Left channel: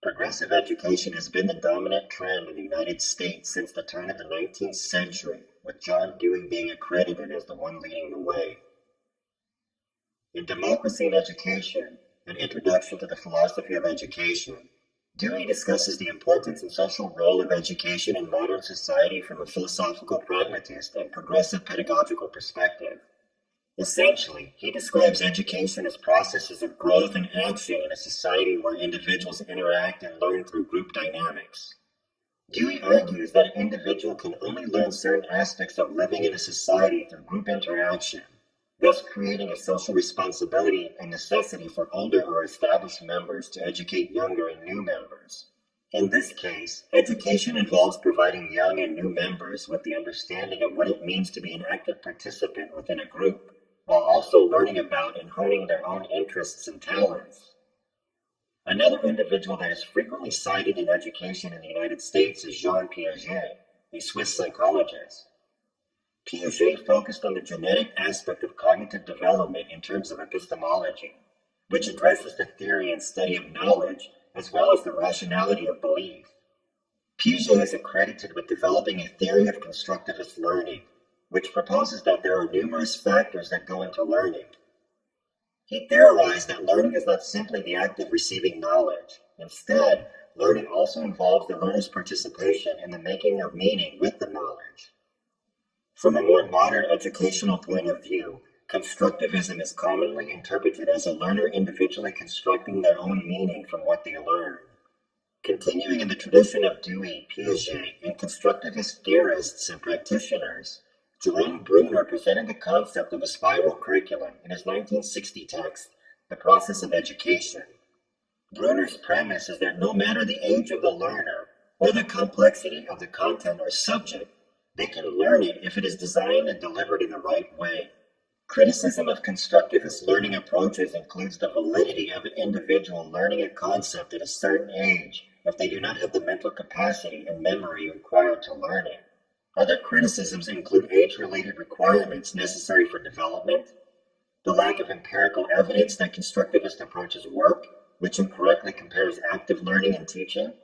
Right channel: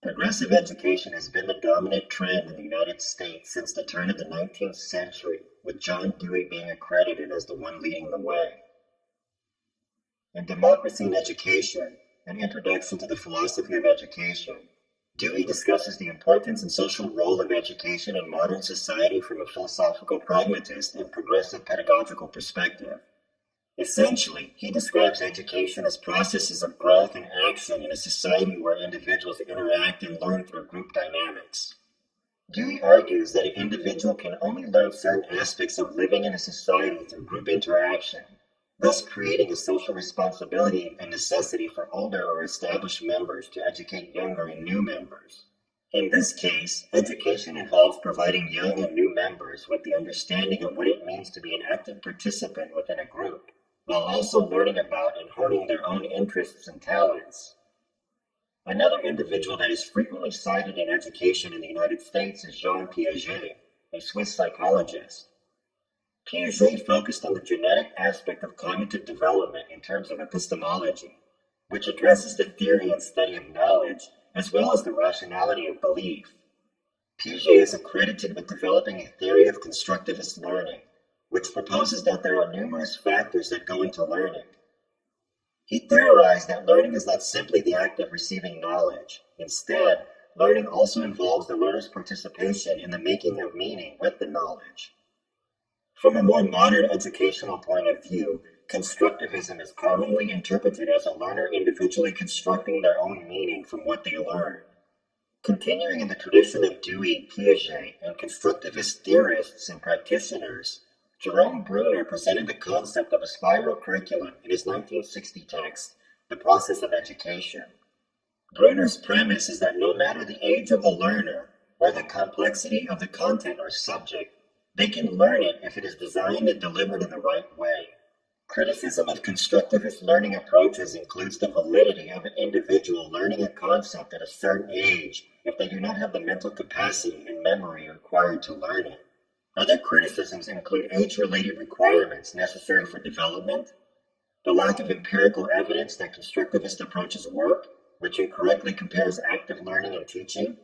Progressive education has been the dominant trend in the United States since the turn of the 19th century, with John Dewey being accredited as the one leading the way. In Democracy in Education, an introduction to the philosophy of education, Dewey discusses the importance and social role of education in modern society from a philosophical pragmatist and progressive pedagogical perspective. Essentially, he describes education as processes of growth and action in a society where individuals interact and learn through group dynamics. Dewey argues that an individual can only learn certain aspects of living in a society through group interaction, thus creating a social responsibility and necessity for older or established members to educate younger and new members. In this case, education involves providing young and new members with the understanding of what it means to be an active participant within a group, while also learning about and honing their own interests and talents. Another individual that is frequently cited in education in the United States is Jean Piaget, a Swiss psychologist. Piaget focused on the genetic aspect of cognitive development in terms of epistemology, which addresses the theory and study of knowledge as well as the rationality of belief. Piaget is accredited with developing a theory of constructivist learning, which proposes that there are numerous factors that go into learning. He theorized that learning is not simply the act of receiving knowledge. Instead, learning also involves the learner's participation in the making of meaning with the knowledge. From a more modern educational point of view, constructivism is commonly interpreted as a learner individually constructing their own meaning from what they learn. Continuing in the tradition of Dewey, Piaget, and constructivist theorists and practitioners, Jerome Bruner presented the concept of a spiral curriculum in his 1960 text, The Process of Education. Bruner's premise is that no matter the age of the learner or the complexity of the content or subject, they can learn it if it is designed and delivered in the right way. Criticism of constructivist learning approaches includes the validity of an individual learning a concept at a certain age if they do not have the mental capacity and memory required to learn it. Other criticisms include age-related requirements necessary for development, the lack of empirical evidence that constructivist approaches work, which incorrectly compares active learning and teaching,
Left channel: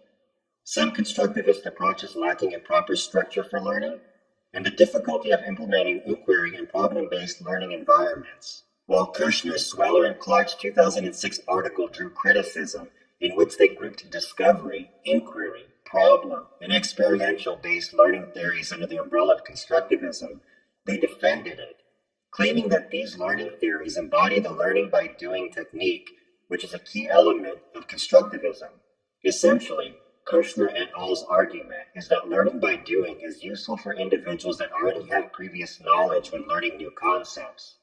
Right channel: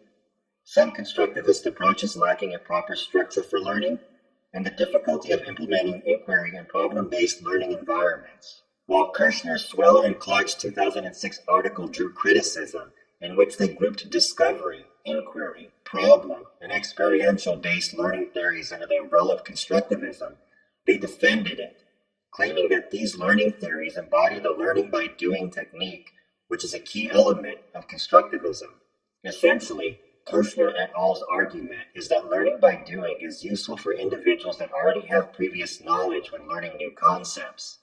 some constructivist approaches lacking a proper structure for learning, and the difficulty of implementing inquiry and problem-based learning environments. While Kirshner, Sweller, and Clark's 2006 article drew criticism, in which they grouped discovery, inquiry, problem, and experiential-based learning theories under the umbrella of constructivism, they defended it, claiming that these learning theories embody the learning by doing technique, which is a key element of constructivism. Essentially, Kirshner et al.'s argument is that learning by doing is useful for individuals that already have previous knowledge when learning new concepts.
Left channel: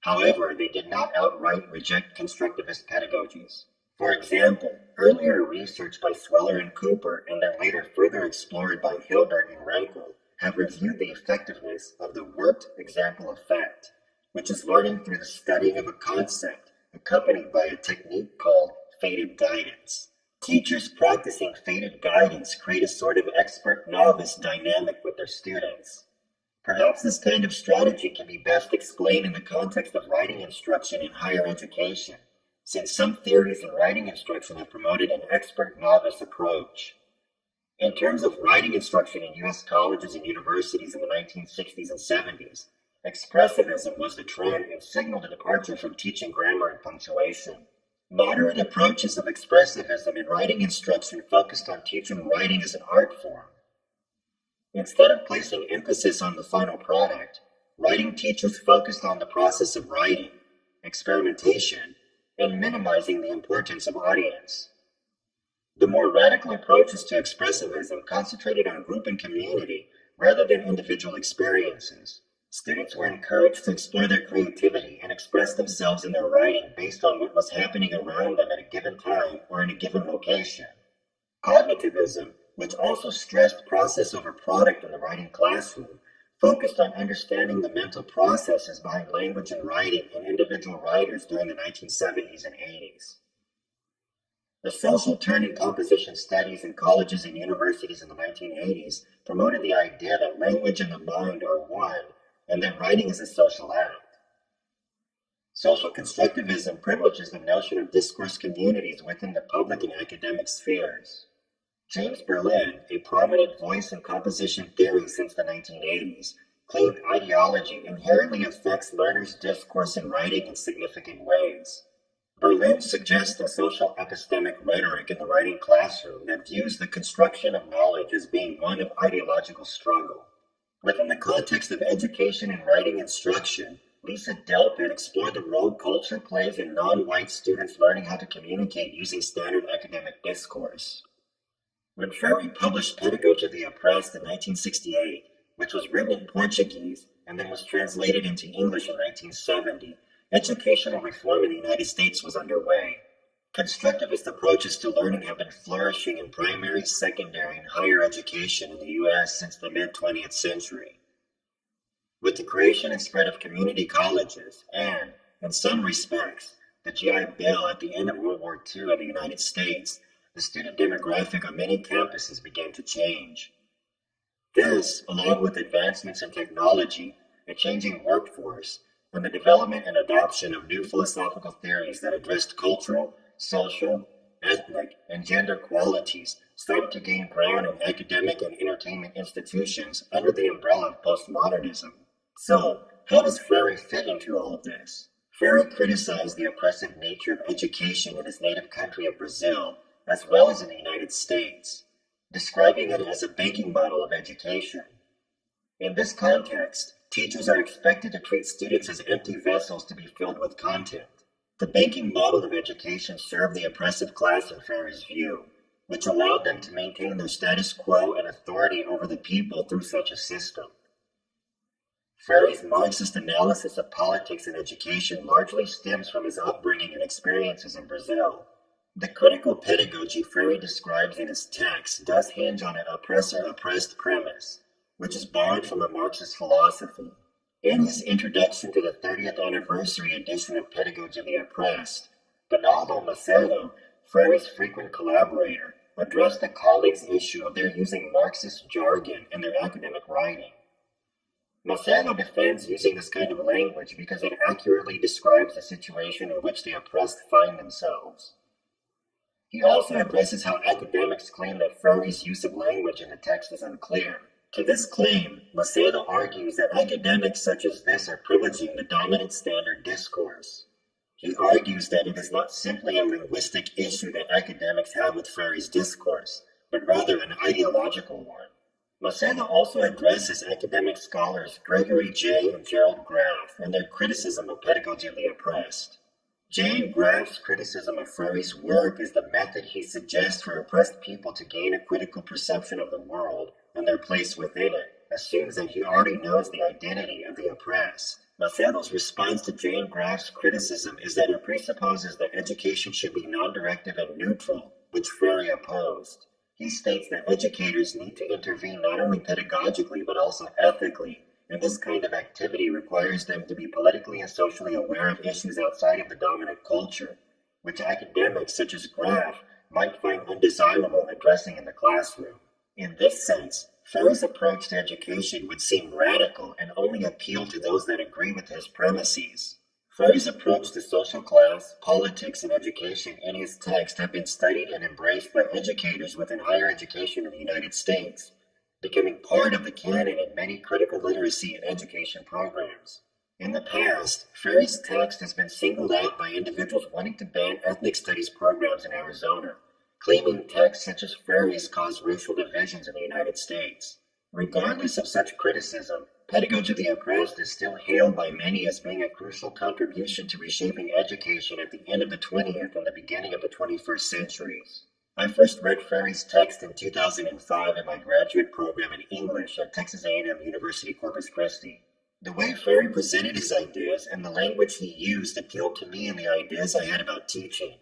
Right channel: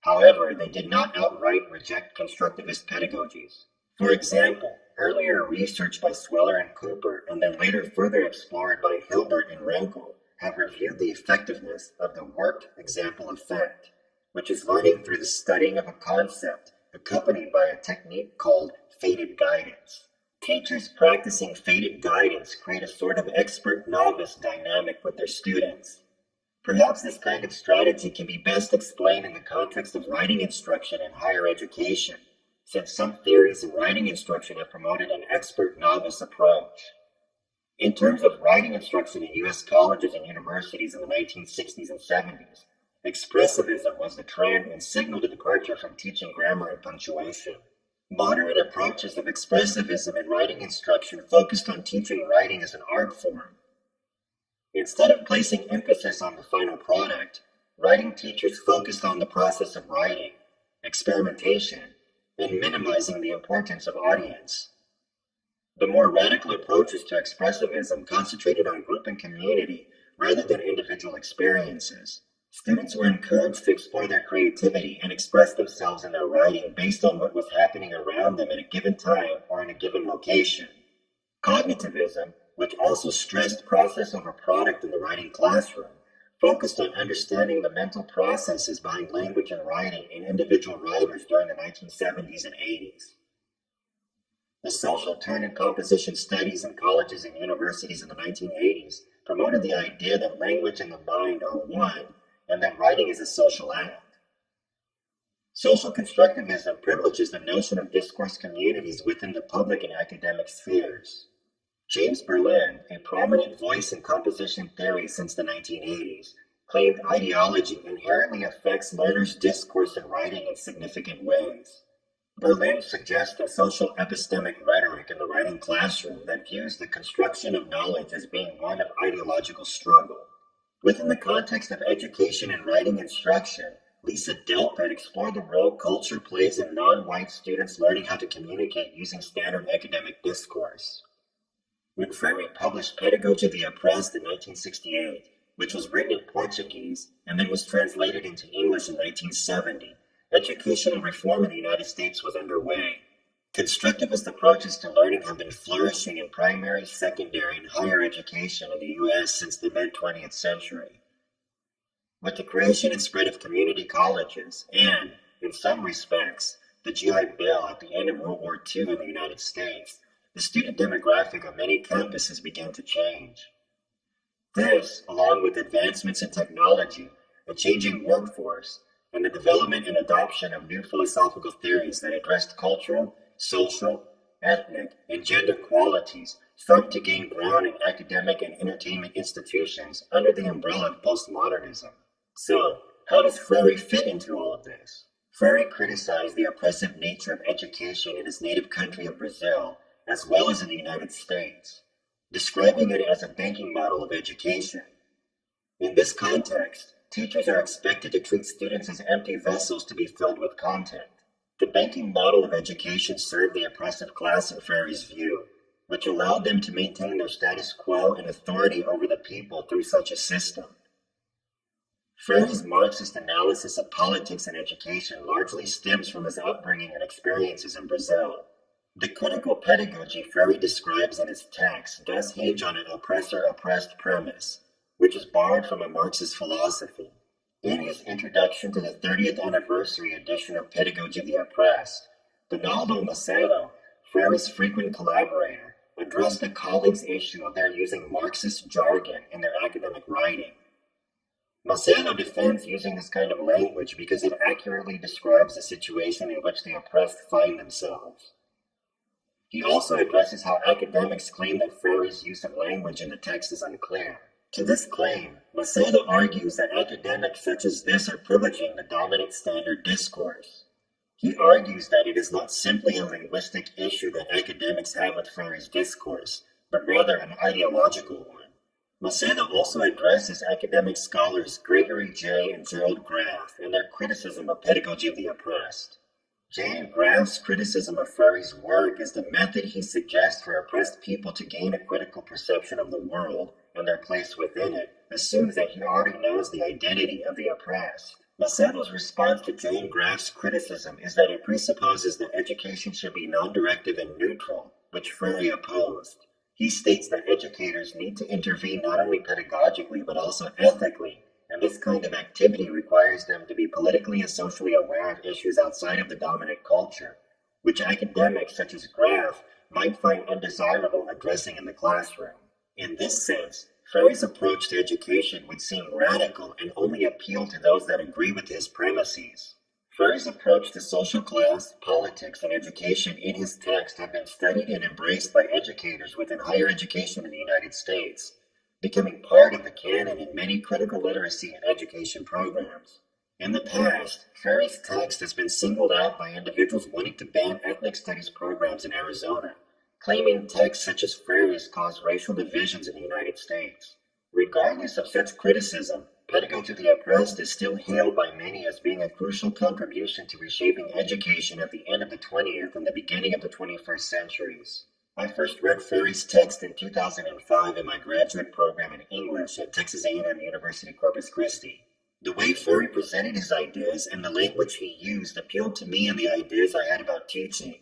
However, they did not outright reject constructivist pedagogies. For example, earlier research by Sweller and Cooper, and then later further explored by Hilbert and Renkel, have reviewed the effectiveness of the worked example effect, which is learning through the studying of a concept, accompanied by a technique called fated guidance. Teachers practicing fated guidance create a sort of expert-novice dynamic with their students. Perhaps this kind of strategy can be best explained in the context of writing instruction in higher education, since some theories in writing instruction have promoted an expert-novice approach. In terms of writing instruction in U.S. colleges and universities in the 1960s and 70s, expressivism was the trend and signaled a departure from teaching grammar and punctuation. Moderate approaches of expressivism in writing instruction focused on teaching writing as an art form. Instead of placing emphasis on the final product, writing teachers focused on the process of writing, experimentation, and minimizing the importance of audience. The more radical approaches to expressivism concentrated on group and community rather than individual experiences. Students were encouraged to explore their creativity and express themselves in their writing based on what was happening around them at a given time or in a given location. Cognitivism, which also stressed process over product in the writing classroom, focused on understanding the mental processes behind language and writing in individual writers during the 1970s and 80s. The social turn in composition studies in colleges and universities in the 1980s promoted the idea that language and the mind are one, and that writing is a social act. Social constructivism privileges the notion of discourse communities within the public and academic spheres. James Berlin, a prominent voice in composition theory since the 1980s, claimed ideology inherently affects learners' discourse and writing in significant ways. Berlin suggests a social epistemic rhetoric in the writing classroom that views the construction of knowledge as being one of ideological struggle. Within the context of education and writing instruction, Lisa Delpit explored the role culture plays in non-white students learning how to communicate using standard academic discourse. When Freire published Pedagogy of the Oppressed in 1968, which was written in Portuguese and then was translated into English in 1970, educational reform in the United States was underway. Constructivist approaches to learning have been flourishing in primary, secondary, and higher education in the U.S. since the mid-20th century. With the creation and spread of community colleges and, in some respects, the GI Bill at the end of World War II in the United States, the student demographic on many campuses began to change. This, along with advancements in technology, a changing workforce, and the development and adoption of new philosophical theories that addressed cultural, social, ethnic, and gender qualities, started to gain ground in academic and entertainment institutions under the umbrella of postmodernism. So, how does Freire fit into all of this? Freire criticized the oppressive nature of education in his native country of Brazil, as well as in the United States, describing it as a banking model of education. In this context, teachers are expected to treat students as empty vessels to be filled with content. The banking model of education served the oppressive class in Freire's view, which allowed them to maintain their status quo and authority over the people through such a system. Freire's Marxist analysis of politics and education largely stems from his upbringing and experiences in Brazil. The critical pedagogy Freire describes in his text does hinge on an oppressor-oppressed premise, which is borrowed from a Marxist philosophy. In his introduction to the 30th anniversary edition of Pedagogy of the Oppressed, Donaldo Macedo, Freire's frequent collaborator, addressed a colleague's issue of their using Marxist jargon in their academic writing. Macedo defends using this kind of language because it accurately describes the situation in which the oppressed find themselves. He also addresses how academics claim that Freire's use of language in the text is unclear. To this claim, Macedo argues that academics such as this are privileging the dominant standard discourse. He argues that it is not simply a linguistic issue that academics have with Freire's discourse, but rather an ideological one. Macedo also addresses academic scholars Gregory J. and Gerald Graff and their criticism of Pedagogy of the Oppressed. J. and Graff's criticism of Freire's work is the method he suggests for oppressed people to gain a critical perception of the world and their place within it assumes that he already knows the identity of the oppressed. Macedo's response to J. and Graff's criticism is that it presupposes that education should be non-directive and neutral, which Freire opposed. He states that educators need to intervene not only pedagogically but also ethically, and this kind of activity requires them to be politically and socially aware of issues outside of the dominant culture, which academics such as Graff might find undesirable addressing in the classroom. In this sense, Freire's approach to education would seem radical and only appeal to those that agree with his premises. Freire's approach to social class, politics, and education in his text have been studied and embraced by educators within higher education in the United States, becoming part of the canon in many critical literacy and education programs. In the past, Freire's text has been singled out by individuals wanting to ban ethnic studies programs in Arizona, claiming texts such as Freire's cause racial divisions in the United States. Regardless of such criticism, Pedagogy of the Oppressed is still hailed by many as being a crucial contribution to reshaping education at the end of the 20th and the beginning of the 21st centuries. I first read Freire's text in 2005 in my graduate program in English at Texas A&M University Corpus Christi. The way Freire presented his ideas and the language he used appealed to me and the ideas I had about teaching.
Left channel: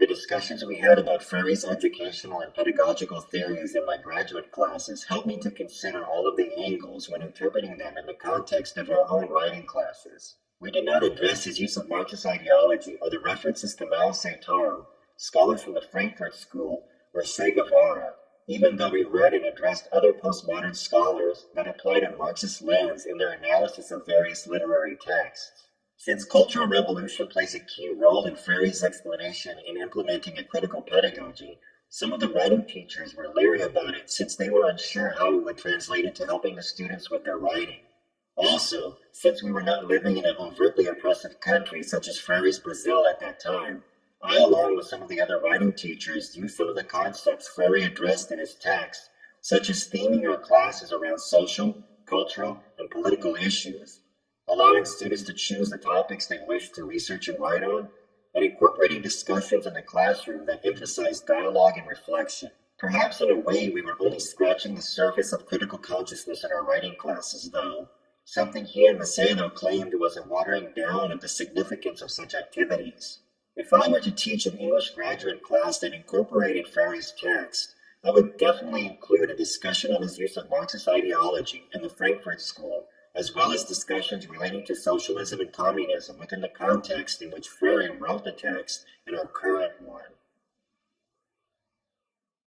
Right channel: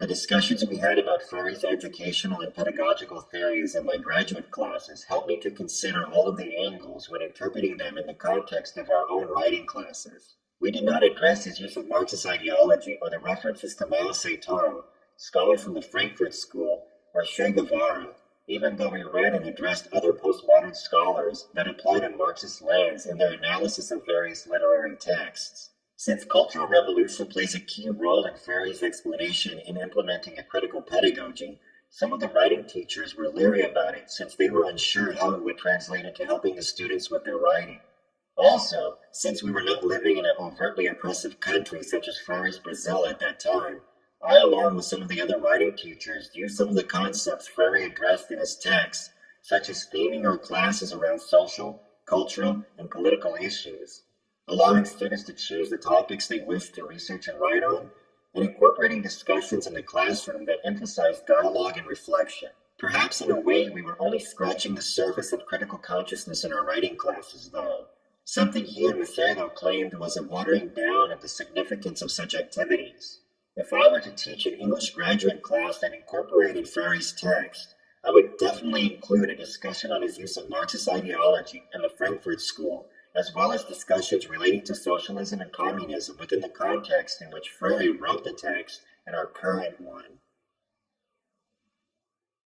The discussions we had about Freire's educational and pedagogical theories in my graduate classes helped me to consider all of the angles when interpreting them in the context of our own writing classes. We did not address his use of Marxist ideology or the references to Mao Zedong, scholars from the Frankfurt School, or Che Guevara, even though we read and addressed other postmodern scholars that applied a Marxist lens in their analysis of various literary texts. Since Cultural Revolution plays a key role in Freire's explanation in implementing a critical pedagogy, some of the writing teachers were leery about it since they were unsure how it would translate into helping the students with their writing. Also, since we were not living in an overtly oppressive country such as Freire's Brazil at that time, I, along with some of the other writing teachers, used some of the concepts Freire addressed in his text, such as theming our classes around social, cultural, and political issues, allowing students to choose the topics they wish to research and write on, and incorporating discussions in the classroom that emphasize dialogue and reflection. Perhaps in a way we were only scratching the surface of critical consciousness in our writing classes, though. Something he and Macedo claimed was a watering down of the significance of such activities. If I were to teach an English graduate class that incorporated Freire's text, I would definitely include a discussion on his use of Marxist ideology and the Frankfurt School, as well as discussions relating to socialism and communism within the context in which Freire wrote the text and our current one.